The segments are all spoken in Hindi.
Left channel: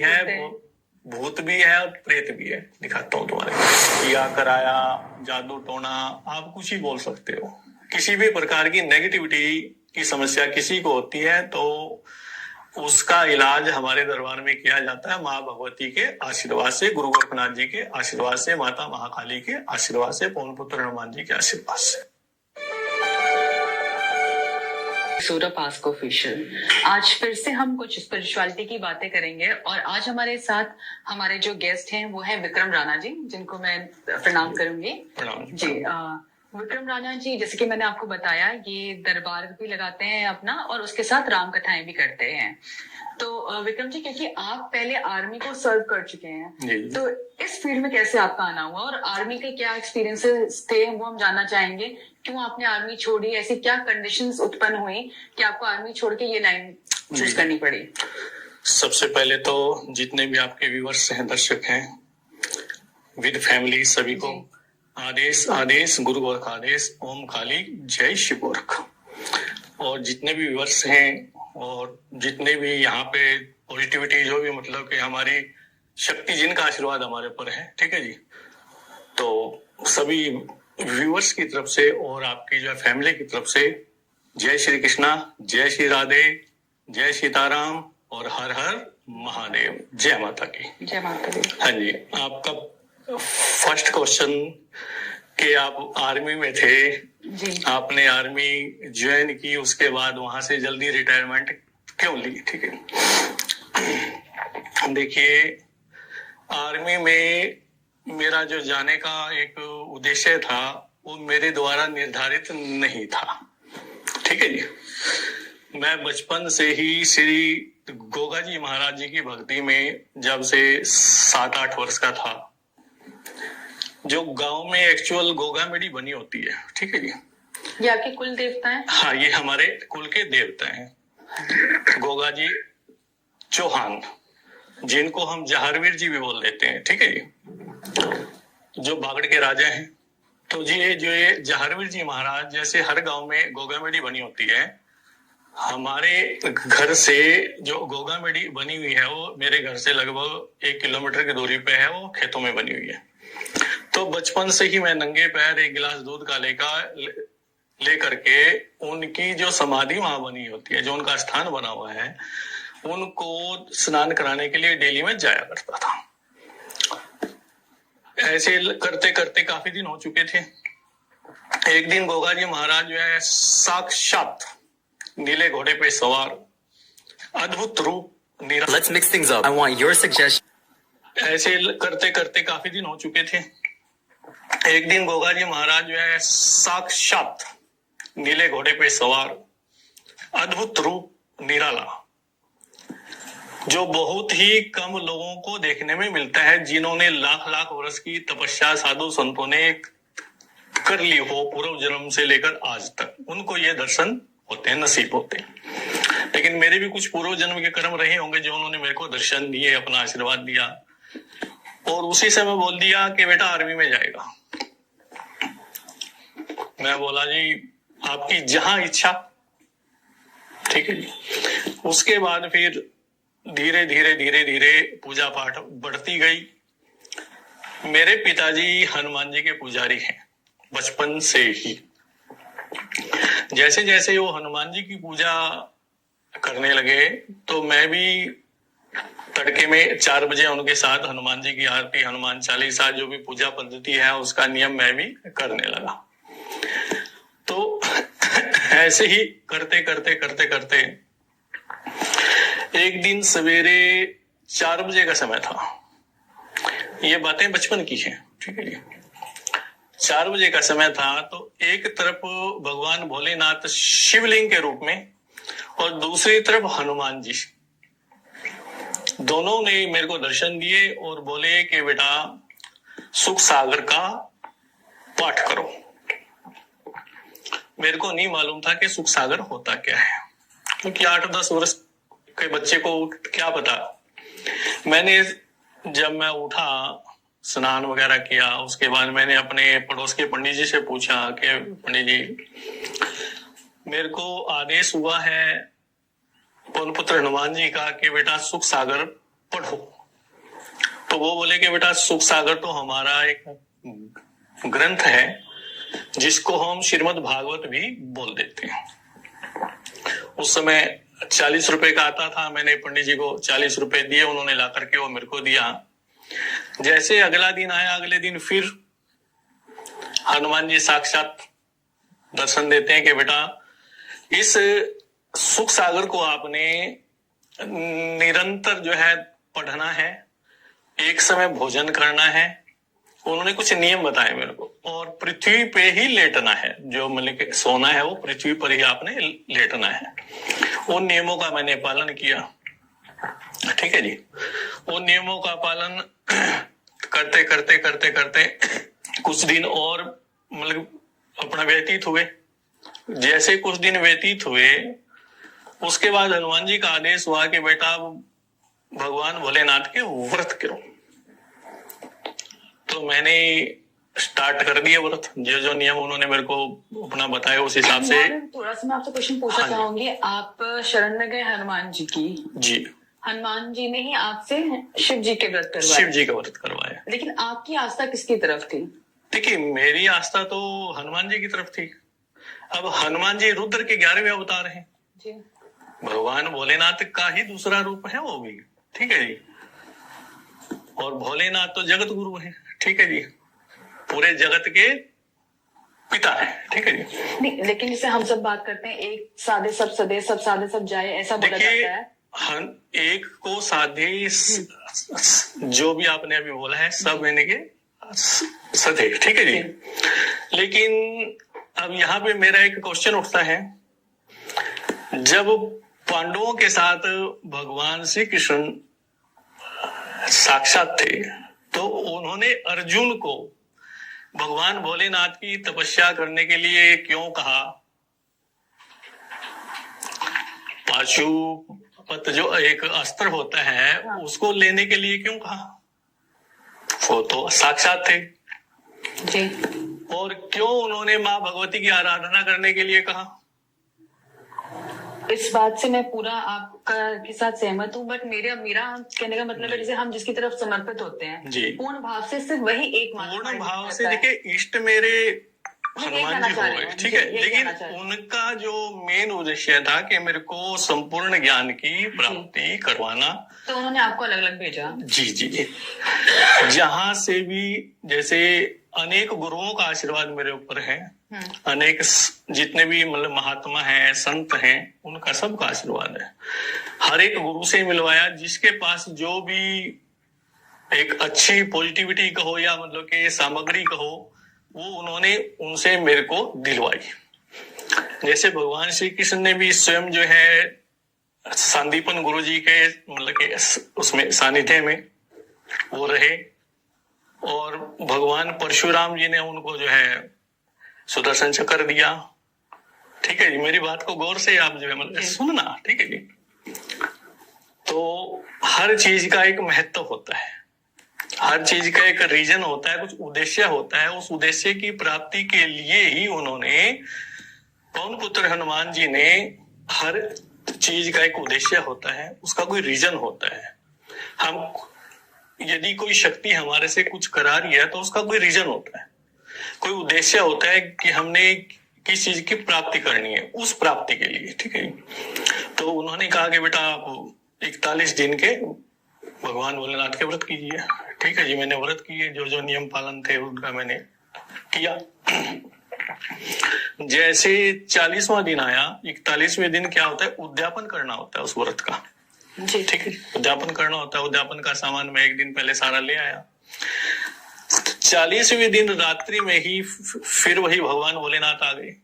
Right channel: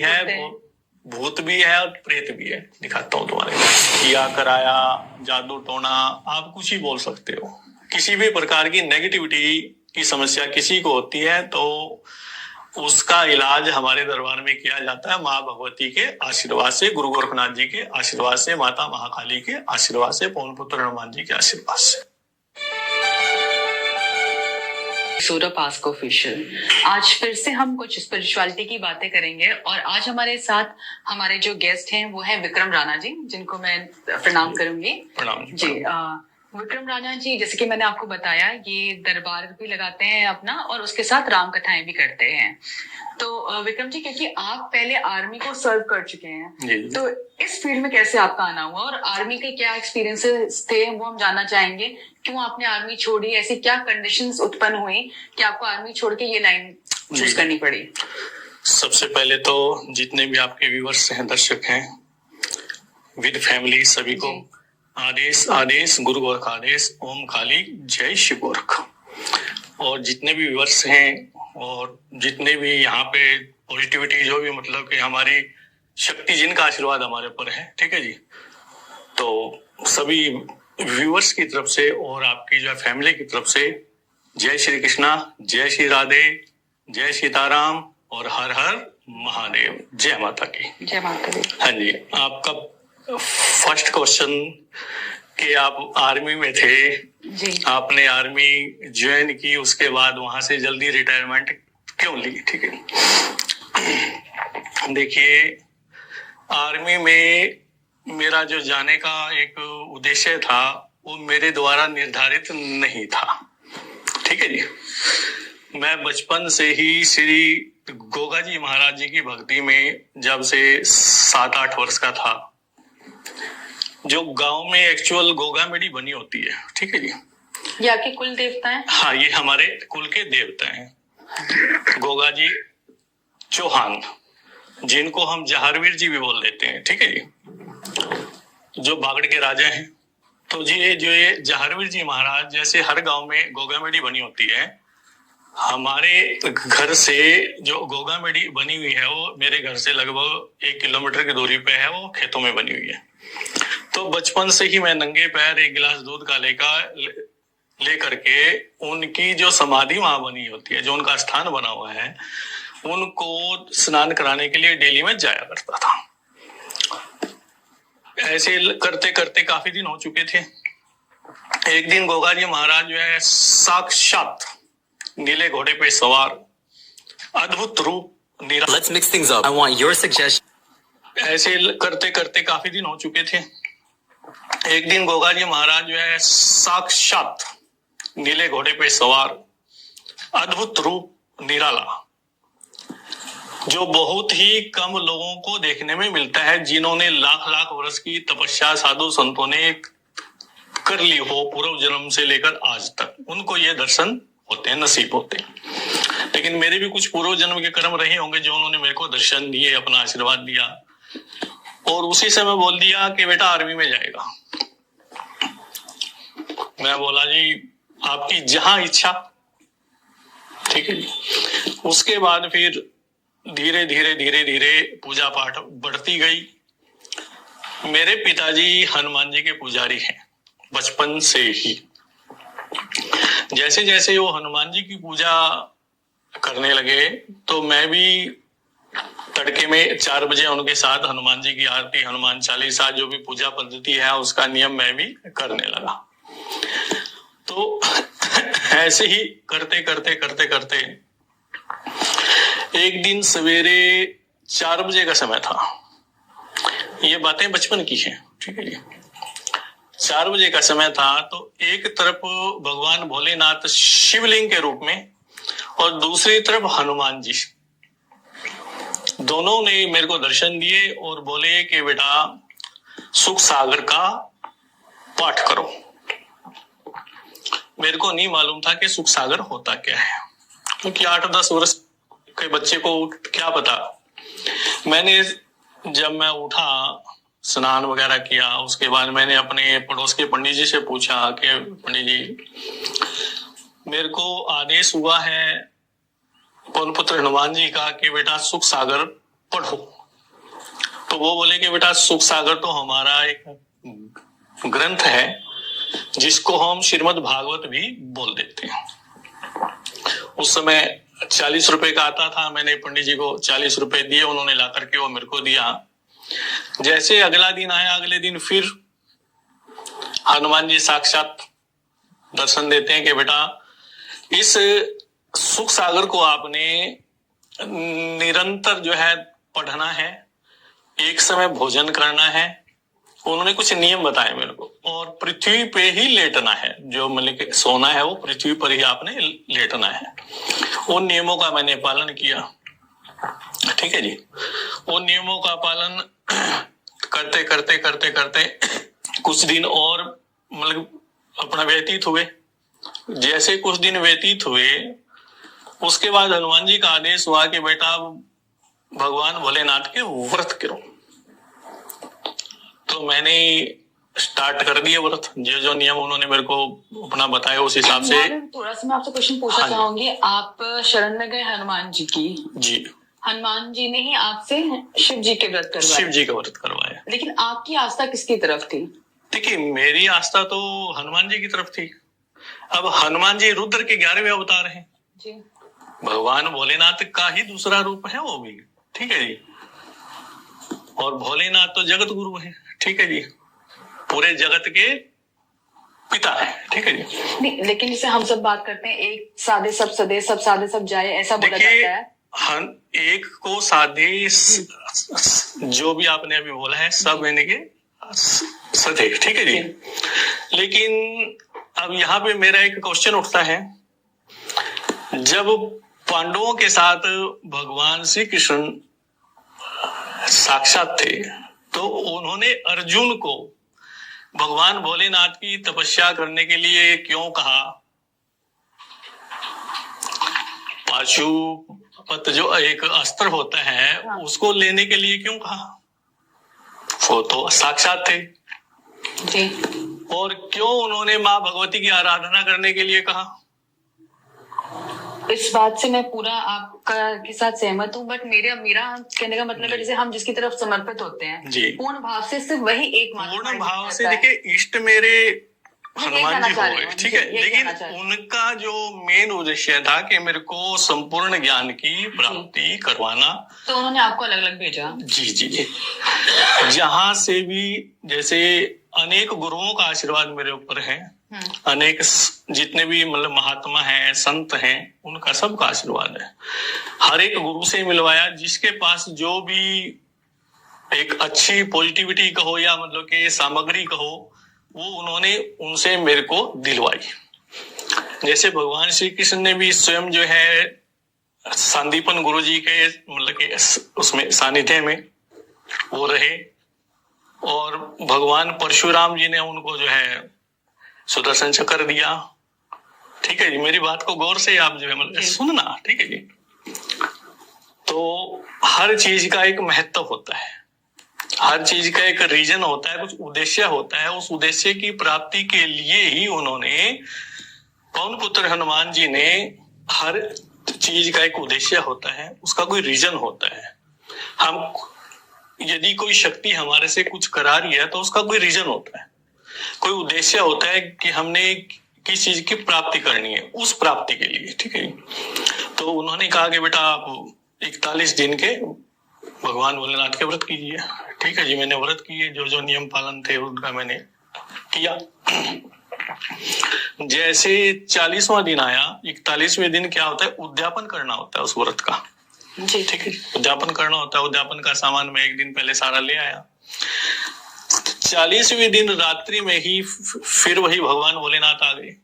है, भूत भी है और प्रेत भी है। दिखाता हूँ तुम्हारे किया कराया, जादू टोना, आप कुछ ही बोल सकते हो। किसी भी प्रकार की नेगेटिविटी की समस्या किसी को होती है तो उसका इलाज हमारे दरबार में किया जाता है माँ भगवती के आशीर्वाद से, गुरु गोरखनाथ जी के आशीर्वाद से, माता महाकाली के आशीर्वाद से, पवन पुत्र हनुमान जी के आशीर्वाद से। सौरभ आस्क ऑफिशियल, आज फिर से हम कुछ स्पिरिचुअलिटी की बातें करेंगे और आज हमारे साथ हमारे जो गेस्ट हैं वो हैं विक्रम राणा जी, जिनको मैं प्रणाम करूंगी। प्रणाम जी। विक्रम राणा जी, जैसे कि मैंने आपको बताया, ये दरबार भी लगाते हैं अपना और उसके साथ राम कथाएं भी करते हैं। तो विक्रम जी, क्योंकि आप पहले आर्मी को सर्व कर चुके हैं, तो इस फील्ड में कैसे आपका आना हुआ और आर्मी के क्या एक्सपीरियंसेस थे वो हम जानना चाहेंगे। क्यों आपने आर्मी छोड़ी, ऐसी क्या कंडीशंस उत्पन्न हुई कि आपको आर्मी छोड़ के ये लाइन चूज करनी पड़ी? सबसे पहले तो जितने भी आपके व्यूअर्स हैं, दर्शक हैं, विद फैमिली, सभी को आदेश आदेश, गुरु गोरख आदेश, ओम काली, जय शिव गोरख। और जितने भी व्यूअर्स हैं और जितने भी यहाँ पे पॉजिटिविटी, जो भी मतलब कि हमारी शक्ति जिनका आशीर्वाद हमारे ऊपर है, ठीक है जी, तो सभी व्यूअर्स की तरफ से और आपकी जो फैमिली की तरफ से जय श्री कृष्णा, जय श्री राधे, जय सीताराम और हर हर महादेव। जय माता की। जय माता दी। हाँ जी, आपका फर्स्ट क्वेश्चन कि आप आर्मी में थे जी। आपने आर्मी ज्वाइन की, उसके बाद वहां से जल्दी रिटायरमेंट क्यों ली? ठीक है, देखिए, आर्मी में मेरा जो जाने का एक उद्देश्य था वो मेरे द्वारा निर्धारित नहीं था। ठीक है जी, मैं बचपन से ही श्री गोगा जी महाराज जी की भक्ति में जब से 7-8 वर्ष का था, जो गांव में एक्चुअल गोगा मेडी बनी होती है, ठीक है जी, ये आपके कुल देवता हैं? हाँ, ये हमारे कुल के देवता हैं, गोगा जी चौहान, जिनको हम जहारवीर जी भी बोल देते हैं। ठीक है जी, जो बागड़ के राजा हैं। तो जी, जो ये जहारवीर जी महाराज, जैसे हर गांव में गोगा मेडी बनी होती है, हमारे घर से जो गोगा मेडी बनी हुई है वो मेरे घर से लगभग 1 किलोमीटर की दूरी पे है, वो खेतों में बनी हुई है। तो बचपन से ही मैं नंगे पैर 1 गिलास दूध का लेकर के उनकी जो समाधि वहां बनी होती है, जो उनका स्थान बना हुआ है, उनको स्नान कराने के लिए डेली में जाया करता था। ऐसे करते करते काफी दिन हो चुके थे। एक दिन गोगा जी महाराज जो है साक्षात नीले घोड़े पे सवार, अद्भुत रूप, Let's mix things up. I want your suggestion. ऐसे करते करते काफी दिन हो चुके थे। एक दिन गोगा जी महाराज जो है साक्षात नीले घोड़े पे सवार, अद्भुत रूप, निराला, जो बहुत ही कम लोगों को देखने में मिलता है, जिन्होंने लाख लाख वर्ष की तपस्या साधु संतों ने कर ली हो पूर्व जन्म से लेकर आज तक, उनको ये दर्शन होते हैं, नसीब होते हैं। लेकिन मेरे भी कुछ पूर्व जन्म के कर्म रहे होंगे जो उन्होंने मेरे को दर्शन दिए, अपना आशीर्वाद दिया, और उसी समय बोल दिया कि बेटा आर्मी में जाएगा। मैं बोला जी आपकी जहां इच्छा। ठीक है जी, उसके बाद फिर धीरे धीरे धीरे धीरे पूजा पाठ बढ़ती गई। मेरे पिताजी हनुमान जी के पुजारी हैं बचपन से ही। जैसे जैसे वो हनुमान जी की पूजा करने लगे तो मैं भी तड़के में 4 बजे उनके साथ हनुमान जी की आरती, हनुमान चालीसा, जो भी पूजा पद्धति है उसका नियम मैं भी करने लगा। तो ऐसे ही करते करते करते करते एक दिन सवेरे 4 बजे का समय था, ये बातें बचपन की हैं, ठीक है जी। 4 बजे का समय था, तो एक तरफ भगवान भोलेनाथ शिवलिंग के रूप में और दूसरी तरफ हनुमान जी, दोनों ने मेरे को दर्शन दिए और बोले कि बेटा सुख सागर का पाठ करो। मेरे को नहीं मालूम था कि सुख सागर होता क्या है, क्योंकि 8-10 वर्ष के बच्चे को क्या पता। मैंने जब मैं उठा, स्नान वगैरह किया, उसके बाद मैंने अपने पड़ोस के पंडित जी से पूछा कि पंडित जी मेरे को आदेश हुआ है पवन पुत्र हनुमान जी का कि बेटा सुख सागर पढ़ो। तो वो बोले कि बेटा सुख सागर तो हमारा एक ग्रंथ है जिसको हम श्रीमद् भागवत भी बोल देते हैं। उस समय 40 रुपए का आता था, मैंने पंडित जी को 40 रुपए दिए, उन्होंने ला करके वो मेरे को दिया। जैसे अगला दिन आया, अगले दिन फिर हनुमान जी साक्षात दर्शन देते हैं कि बेटा इस सुख सागर को आपने निरंतर जो है पढ़ना है, एक समय भोजन करना है, उन्होंने कुछ नियम बताए मेरे को, और पृथ्वी पे ही लेटना है, जो मतलब कि सोना है वो पृथ्वी पर ही आपने लेटना है। उन नियमों का मैंने पालन किया, ठीक है जी। उन नियमों का पालन करते करते करते करते कुछ दिन और मतलब अपना व्यतीत हुए। जैसे कुछ दिन व्यतीत हुए उसके बाद हनुमान जी का आदेश हुआ कि बेटा भगवान भोलेनाथ के व्रत करो। तो मैंने स्टार्ट कर दिया व्रत, जो जो नियम उन्होंने मेरे को अपना बताया उस हिसाब से। थोड़ा सा मैं आपसे क्वेश्चन पूछना चाहूंगी। आप शरण में गए हनुमान जी की, जी, हनुमान जी ने ही आपसे शिव जी के व्रत करवाए? शिव जी का व्रत करवाया। लेकिन आपकी आस्था किसकी तरफ थी? देखिए मेरी आस्था तो हनुमान जी की तरफ थी। अब हनुमान जी रुद्र के 11वें अवतार हैं जी, भगवान भोलेनाथ का ही दूसरा रूप है वो भी, ठीक है जी। और भोलेनाथ तो जगत गुरु है, ठीक है जी, पूरे जगत के पिता है, ठीक है जी। नहीं, लेकिन जैसे हम सब बात करते हैं एक साधे सब सदे, सब साधे सब जाए, ऐसा बोला जाता है। एक को साधे जो भी आपने अभी बोला है सब यानी के सदे, ठीक है जी। लेकिन अब यहाँ पे मेरा एक क्वेश्चन उठता है, जब पांडवों के साथ भगवान श्री कृष्ण साक्षात थे तो उन्होंने अर्जुन को भगवान भोलेनाथ की तपस्या करने के लिए क्यों कहा? पाशुपत जो एक अस्त्र होता है उसको लेने के लिए क्यों कहा? वो तो साक्षात थे जी। और क्यों उन्होंने माँ भगवती की आराधना करने के लिए कहा? इस बात से मैं पूरा आपका के साथ सहमत हूँ, बट मेरा कहने का मतलब है जैसे हम जिसकी तरफ समर्पित होते हैं जी, पूर्ण भाव से सिर्फ वही एक पूर्ण भाव से। देखिए इष्ट मेरे हनुमान जी हो गए, ठीक है, लेकिन उनका जो मेन उद्देश्य था कि मेरे को संपूर्ण ज्ञान की प्राप्ति करवाना, तो उन्होंने आपको अलग अलग भेजा। जी जी जी। जहां से भी जैसे अनेक गुरुओं का आशीर्वाद मेरे ऊपर है, अनेक जितने भी मतलब महात्मा हैं, संत हैं, उनका सबका आशीर्वाद है। हर एक गुरु से मिलवाया जिसके पास जो भी एक अच्छी पॉजिटिविटी कहो या मतलब कि सामग्री कहो, वो उन्होंने उनसे मेरे को दिलवाई। जैसे भगवान श्री कृष्ण ने भी स्वयं जो है संदीपन गुरु जी के मतलब के उसमें सानिध्य में वो रहे, और भगवान परशुराम जी ने उनको जो है सुदर्शन चक्र दिया, ठीक है जी। मेरी बात को गौर से आप जो है मतलब सुनना, ठीक है जी। तो हर चीज का एक महत्व होता है, हर चीज का एक रीजन होता है, कुछ उद्देश्य होता है। उस उद्देश्य की प्राप्ति के लिए ही उन्होंने पवन पुत्र हनुमान जी ने, हर चीज का एक उद्देश्य होता है, उसका कोई रीजन होता है। हम यदि कोई शक्ति हमारे से कुछ करा रही है तो उसका कोई रीजन होता है, कोई उद्देश्य होता है कि हमने किस चीज की प्राप्ति करनी है, उस प्राप्ति के लिए, ठीक है। तो उन्होंने कहा कि बेटा आप 41 दिन के भगवान भोलेनाथ के व्रत कीजिए, ठीक है जी। मैंने व्रत किए, जो जो नियम पालन थे उनका मैंने किया। जैसे 40वां दिन आया, 41वें दिन क्या होता है, उद्यापन करना होता है उस व्रत का, ठीक है। उद्यापन करना होता है, उद्यापन का सामान मैं एक दिन पहले सारा ले आया। 40वें दिन रात्रि में ही फिर वही भगवान भोलेनाथ आ गए,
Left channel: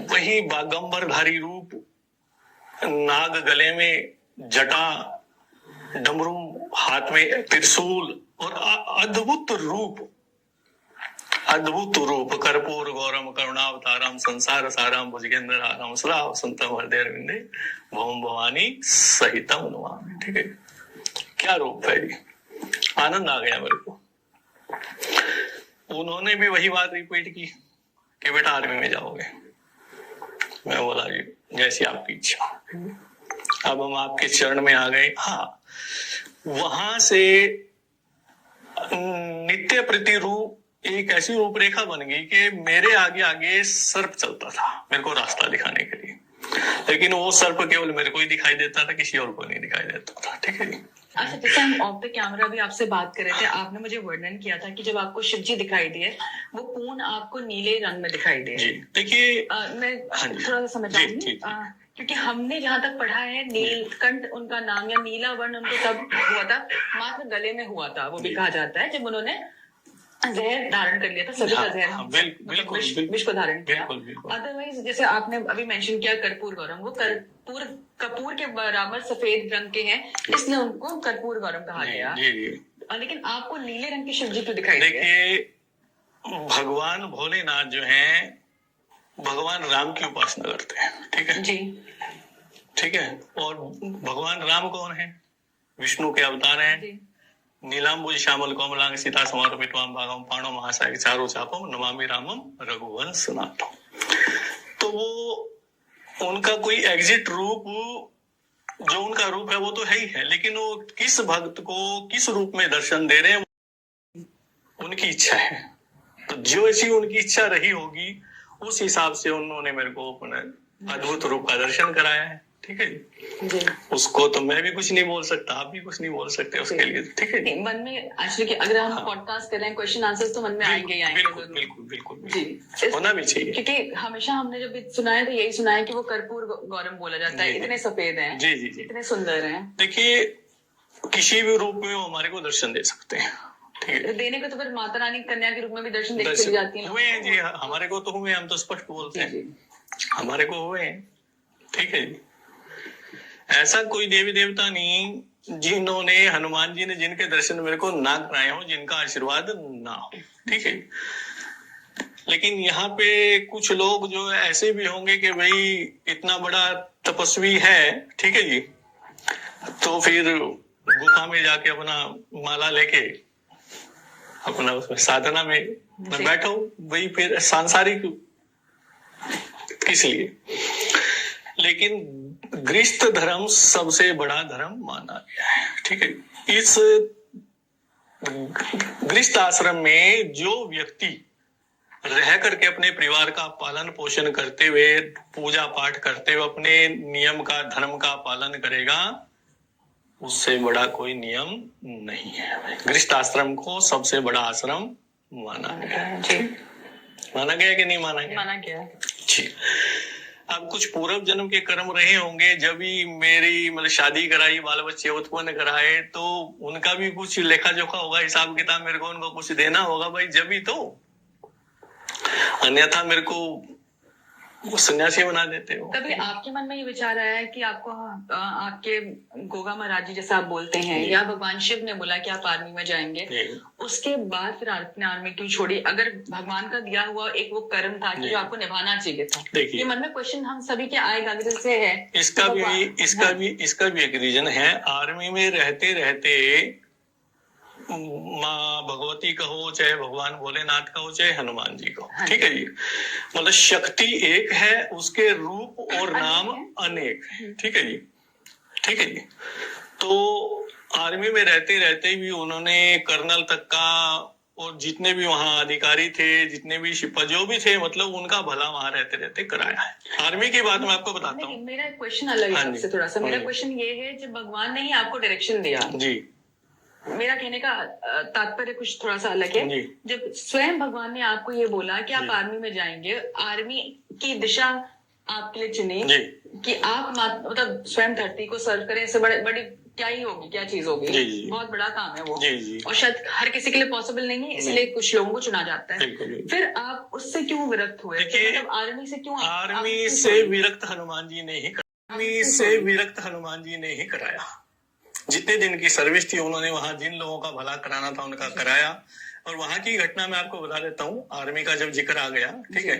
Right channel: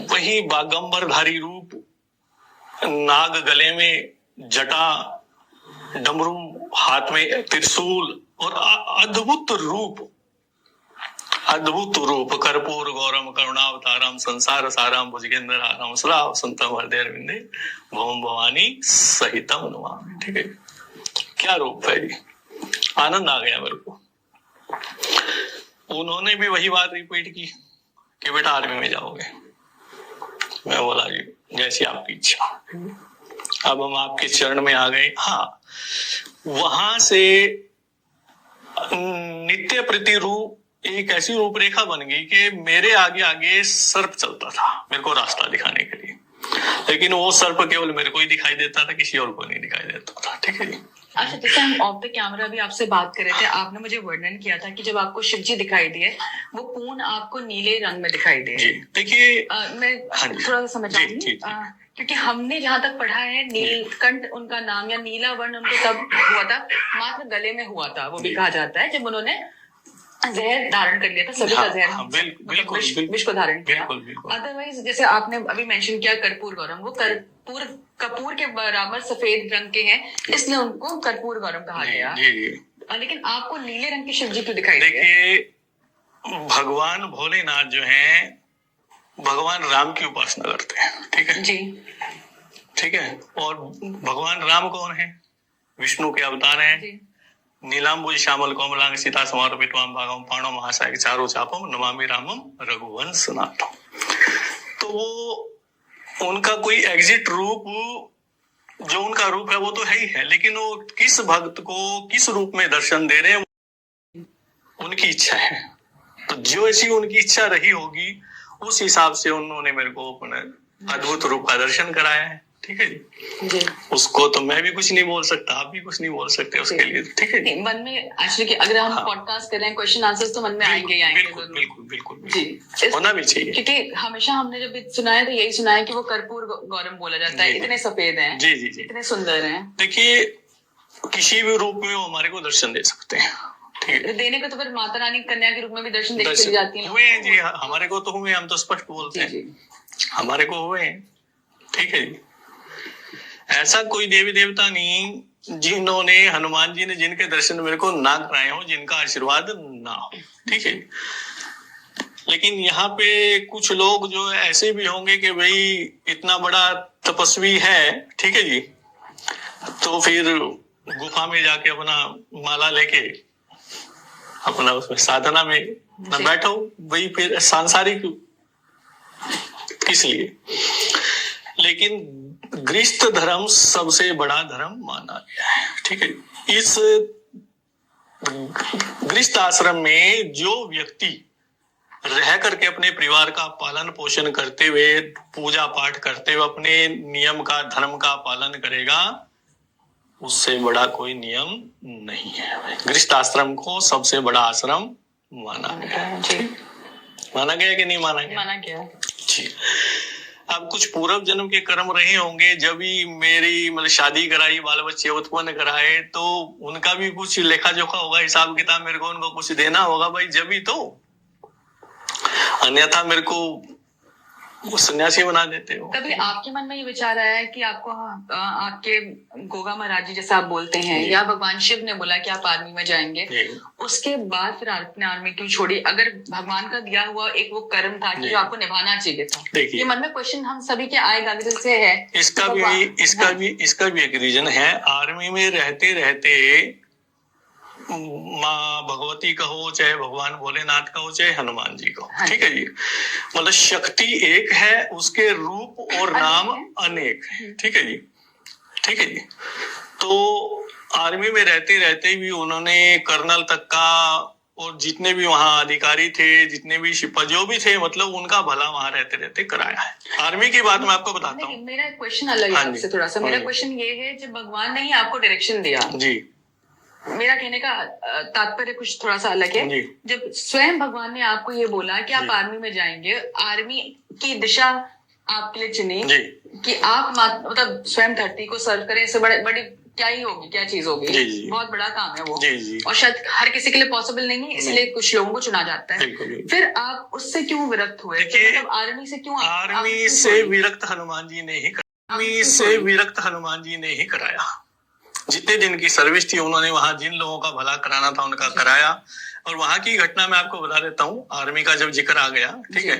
वही बागंबरधारी रूप, नाग गले में जटा, डमरू हाथ में त्रिशूल, और अद्भुत रूप कर्पूर गौरम करुणावतारम संसार सारम भुजगेंद्र हारम सदा वसंतम हृदय विंदे भवम भवानी सहितम नमामि, ठीक है। क्या रूप है जी, आनंद आ गया मेरे को। उन्होंने भी वही बात रिपीट की कि बेटा आर्मी में जाओगे। मैं बोला जी जैसी आपकी इच्छा। अब हम आपके चरण में आ गए। हाँ, वहां से नित्य प्रति रूप एक ऐसी रूपरेखा बन गई कि मेरे आगे आगे सर्प चलता था मेरे को रास्ता दिखाने के लिए, लेकिन वो सर्प केवल मेरे को ही दिखाई देता था, किसी और को नहीं दिखाई देता था। ठीक है जी। अच्छा, जैसे हम ऑफ द कैमरा भी आपसे बात कर रहे थे, आपने मुझे वर्णन किया था कि जब आपको शिव जी दिखाई दिए वो पूर्ण आपको नीले रंग में दिखाई दिए। जी देखिए, मैं थोड़ा सा समझाऊंगी, क्योंकि हमने जहाँ तक पढ़ा है नीलकंठ उनका नाम या नीला वर्ण उनको तब हुआ था, मात्र गले में हुआ था, वो भी कहा जाता है जब उन्होंने जहर धारण कर लिया था, सभी का जहर विष को धारण किया। अदरवाइज जैसे आपने अभी मेंशन किया कर्पूर गौरम, वो कपूर के बराबर सफेद रंग के हैं, इसलिए उनको कर्पूर गौरम कहा गया। लेकिन आपको नीले रंग के शिव जी क्यों दिखाई दिए? देखिए, भगवान भोलेनाथ जो हैं भगवान राम की उपासना करते हैं। ठीक है जी, ठीक है। और भगवान राम कौन है? विष्णु के अवतार हैं। नीलांबुज श्यामल कोमलांग सीता समर्पित भागम पाणो महासाय चारो चापम नमामि रामम रघुवंश नाथम। तो वो उनका कोई एग्जिट रूप, जो उनका रूप है वो तो है ही है, लेकिन वो किस भक्त को किस रूप में दर्शन दे रहे हैं उनकी इच्छा है। तो जो ऐसी उनकी इच्छा रही होगी उस हिसाब से उन्होंने मेरे को अपने अद्भुत रूप का दर्शन कराया है। ठीक है जी। उसको तो मैं भी कुछ नहीं बोल सकता, आप भी कुछ नहीं बोल सकते उसके लिए। ठीक है, मन में एक्चुअली कि अगर हम पॉडकास्ट कर रहे हैं क्वेश्चन आंसर्स तो मन में आएंगे ही आएंगे। बिल्कुल बिल्कुल बिल्कुल जी, होना भी चाहिए, क्योंकि हमेशा हमने जब सुना है तो यही सुना है कि वो कर्पूर गौरम बोला जाता है, इतने सफेद हैं, जी जी जी, इतने सुंदर हैं। देखिए, किसी भी रूप में वो हमारे को दर्शन दे सकते हैं। ठीक है, देने को तो फिर माता रानी कन्या के रूप में भी दर्शन देके चली जाती है। हुए हैं जी, हमारे को तो हुए, हम तो स्पष्ट बोलते हैं हमारे को हुए हैं। ठीक है जी, ऐसा कोई देवी देवता नहीं जिन्होंने, हनुमान जी ने जिनके दर्शन मेरे को ना कराए हो, जिनका आशीर्वाद ना हो। ठीक है, लेकिन यहाँ पे कुछ लोग जो ऐसे भी होंगे कि भाई इतना बड़ा तपस्वी है, ठीक है जी, तो फिर गुफा में जाके अपना माला लेके अपना उसमें साधना में न बैठो, वही फिर सांसारिक किस लिए। लेकिन गृहस्थ धर्म सबसे बड़ा धर्म माना गया है। ठीक है, इस गृहस्थ आश्रम में जो व्यक्ति रह करके अपने परिवार का पालन पोषण करते हुए, पूजा पाठ करते हुए अपने नियम का, धर्म का पालन करेगा, उससे बड़ा कोई नियम नहीं है। गृहस्थ आश्रम को सबसे बड़ा आश्रम माना गया। माना गया कि नहीं माना गया? माना गया जी। अब कुछ पूर्व जन्म के कर्म रहे होंगे, जब भी मेरी मतलब शादी कराई, बाल बच्चे उत्पन्न कराए, तो उनका भी कुछ लेखा जोखा होगा, हिसाब किताब मेरे को उनको कुछ देना होगा भाई, जब भी तो, अन्यथा मेरे को सन्यासी बना देते हो। कभी आपके मन में ये विचार आया है कि आपको आपके गोगा महाराज जी जैसा आप बोलते हैं, या भगवान शिव ने बोला कि आप आर्मी में जाएंगे, उसके बाद फिर आपने आर्मी क्यों छोड़ी? अगर भगवान का दिया हुआ एक वो कर्म था कि जो आपको निभाना चाहिए था, ये मन में क्वेश्चन हम सभी के आएगा जैसे है। इसका भी एक रीजन है। आर्मी में रहते रहते माँ भगवती कहो, चाहे भगवान भोलेनाथ कहो, चाहे हनुमान जी कहो, ठीक है जी, मतलब शक्ति एक है, उसके रूप और नाम अनेक है। ठीक है जी, ठीक है जी। तो आर्मी में रहते रहते भी उन्होंने कर्नल तक का, और जितने भी वहाँ अधिकारी थे, जितने भी सिपा जो भी थे, मतलब उनका भला वहाँ रहते रहते कराया है। आर्मी की बात मैं आपको बताता हूँ। मेरा क्वेश्चन अलग है आपसे थोड़ा सा। मेरा क्वेश्चन ये है, जब भगवान ने ही आपको डायरेक्शन दिया जी, मेरा कहने का तात्पर्य कुछ थोड़ा सा अलग है। जब स्वयं भगवान ने आपको ये बोला कि आप आर्मी में जाएंगे, आर्मी की दिशा आपके लिए चुनी कि आप मतलब स्वयं धरती को सर्व करें, इससे बड़ी क्या ही होगी, क्या चीज होगी, बहुत बड़ा काम है वो, और शायद हर किसी के लिए पॉसिबल नहीं है, इसलिए कुछ लोगों को चुना जाता है। फिर आप उससे क्यों विरक्त हुए? मतलब आर्मी से क्यों? आर्मी से विरक्त हनुमान जी ने ही, आर्मी से विरक्त हनुमान जी ने ही कराया। जितने दिन की सर्विस थी उन्होंने वहां जिन लोगों का भला कराना था उनका कराया। और वहां की घटना मैं आपको बता देता हूँ। आर्मी का जब जिक्र आ गया, ठीक है,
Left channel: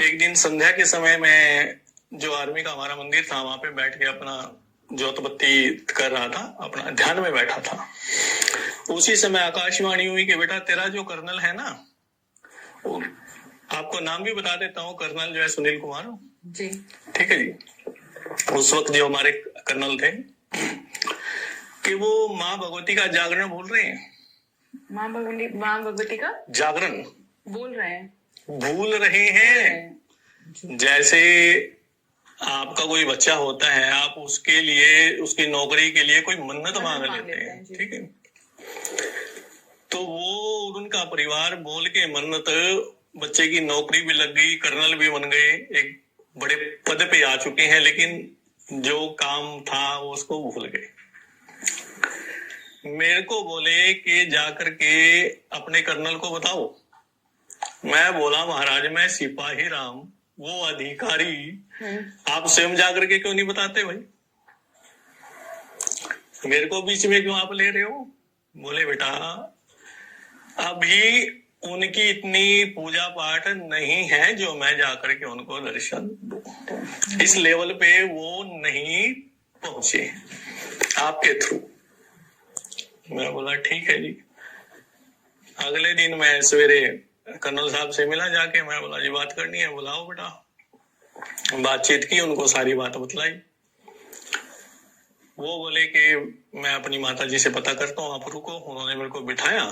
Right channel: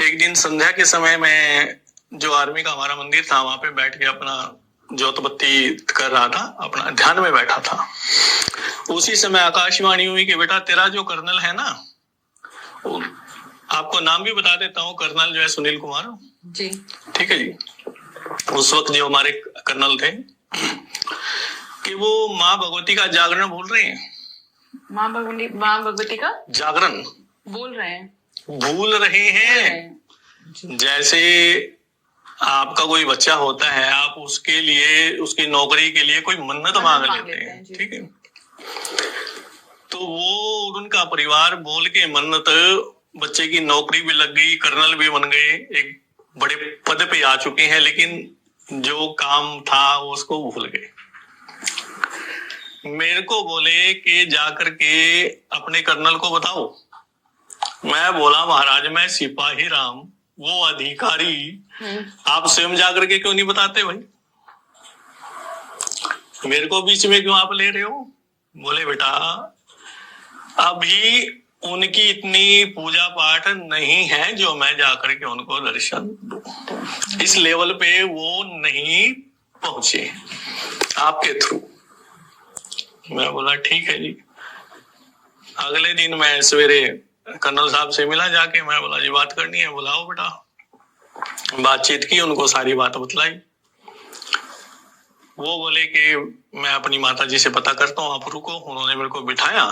एक दिन संध्या के समय में जो आर्मी का हमारा मंदिर था, वहां पे बैठ के अपना ज्योत बत्ती कर रहा था, अपना ध्यान में बैठा था। उसी समय आकाशवाणी हुई कि बेटा तेरा जो कर्नल है ना, आपको नाम भी बता देता हूँ, कर्नल जो है सुनील कुमार जी, ठीक है जी। उस वक्त जो हमारे कर्नल थे कि वो माँ भगवती का जागरण बोल रहे हैं। माँ भगवती का जागरण बोल रहे हैं, भूल रहे हैं। जैसे आपका कोई बच्चा होता है, आप उसके लिए, उसकी नौकरी के लिए कोई मन्नत मांग लेते हैं, ठीक है। तो वो उनका परिवार बोल के मन्नत, बच्चे की नौकरी भी लग गई, कर्नल भी बन गए, एक बड़े पद पे आ चुके हैं, लेकिन जो काम था उसको भूल गए। मेरे को बोले कि जाकर के अपने कर्नल को बताओ। मैं बोला महाराज मैं सिपाही राम, वो अधिकारी, आप स्वयं जाकर के क्यों नहीं बताते भाई? मेरे को बीच में क्यों आप ले रहे हो? बोले बेटा अभी उनकी इतनी पूजा पाठ नहीं है जो मैं जाकर के उनको दर्शन दूं। इस लेवल पे वो नहीं पहुंचे आपके थ्रू। मैं बोला ठीक है जी। अगले दिन मैं सवेरे कर्नल साहब से मिला जाके, मैं बोला जी बात करनी है। बुलाओ बेटा। बातचीत की, उनको सारी बात बतलाई। वो बोले कि मैं अपनी माता जी से पता करता हूँ, आप रुको। उन्होंने मेरे को बिठाया,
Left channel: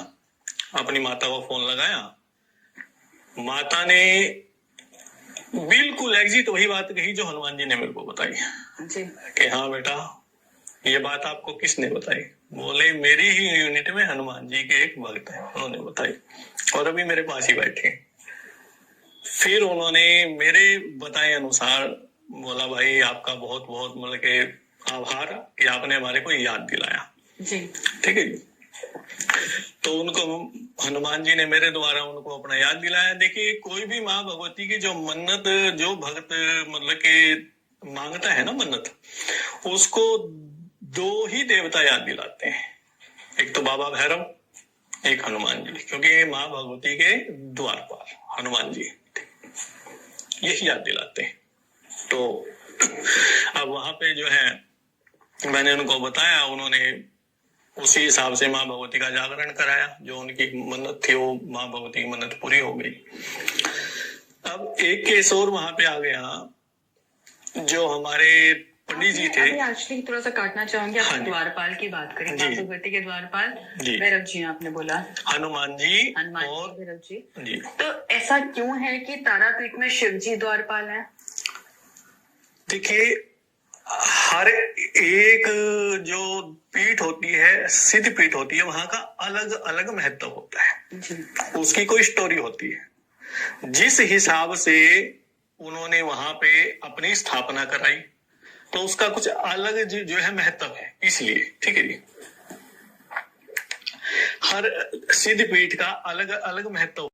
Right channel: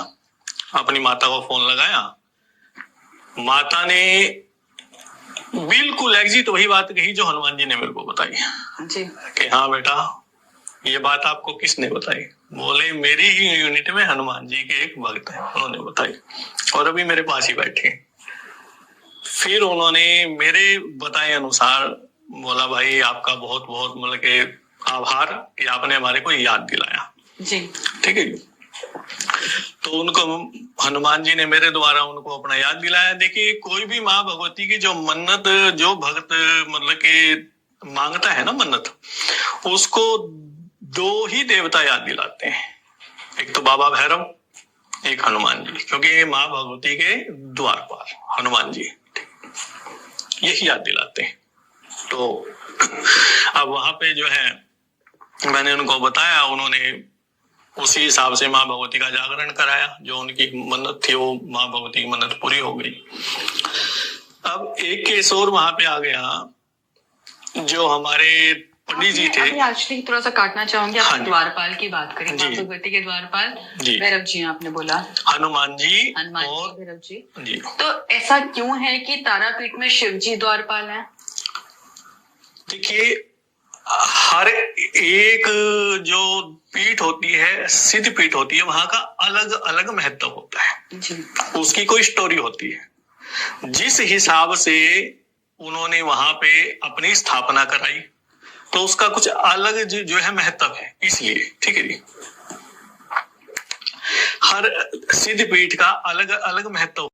अपनी माता को फोन लगाया। माता ने बिल्कुल एग्जिट वही बात कही जो हनुमान जी ने मेरे को बताई जी। कि हाँ बेटा ये बात आपको किसने बताई? बोले मेरी ही यूनिट में हनुमान जी के एक भक्त है, उन्होंने बताई, और अभी मेरे पास ही बैठे। फिर उन्होंने मेरे बताए अनुसार बोला भाई आपका बहुत बहुत मतलब के आभार कि आपने हमारे को याद दिलाया जी। ठीक है। तो उनको हनुमान जी ने मेरे द्वारा उनको अपना याद दिलाया। देखिए कोई भी माँ भगवती की जो मन्नत, जो भक्त मतलब के मांगता है ना मन्नत, उसको दो ही देवता याद दिलाते हैं, एक तो बाबा भैरव, एक हनुमान जी, क्योंकि माँ भगवती के द्वारपाल हनुमान जी यही याद दिलाते हैं। तो अब वहां पे जो है मैंने उनको बताया, उन्होंने उसी हिसाब से माँ भगवती का जागरण कराया। जो उनकी मन्नत थी वो माँ भगवती की मन्नत पूरी हो गई। अब एक केस और वहां पे आ गया। जो हमारे पंडित जी थे, अभी एक्चुअली थोड़ा सा काटना चाहूंगी, आप हाँ द्वारपाल की बात करें। माँ भगवती के द्वारपाल भैरव जी आपने बोला, हनुमान जी और भैरव जी जी। तो ऐसा क्यों है कि तारापीठ में शिव जी द्वारपाल हैं? देखिए हर एक जो पीठ होती है, सिद्ध पीठ होती है, वहां का अलग अलग महत्व होता है जी। उसकी कोई स्टोरी होती है। जिस हिसाब से उन्होंने वहां पे अपनी स्थापना कराई तो उसका कुछ अलग जो है महत्व है, इसलिए ठीक है जी। हर सिद्ध पीठ का अलग अलग महत्व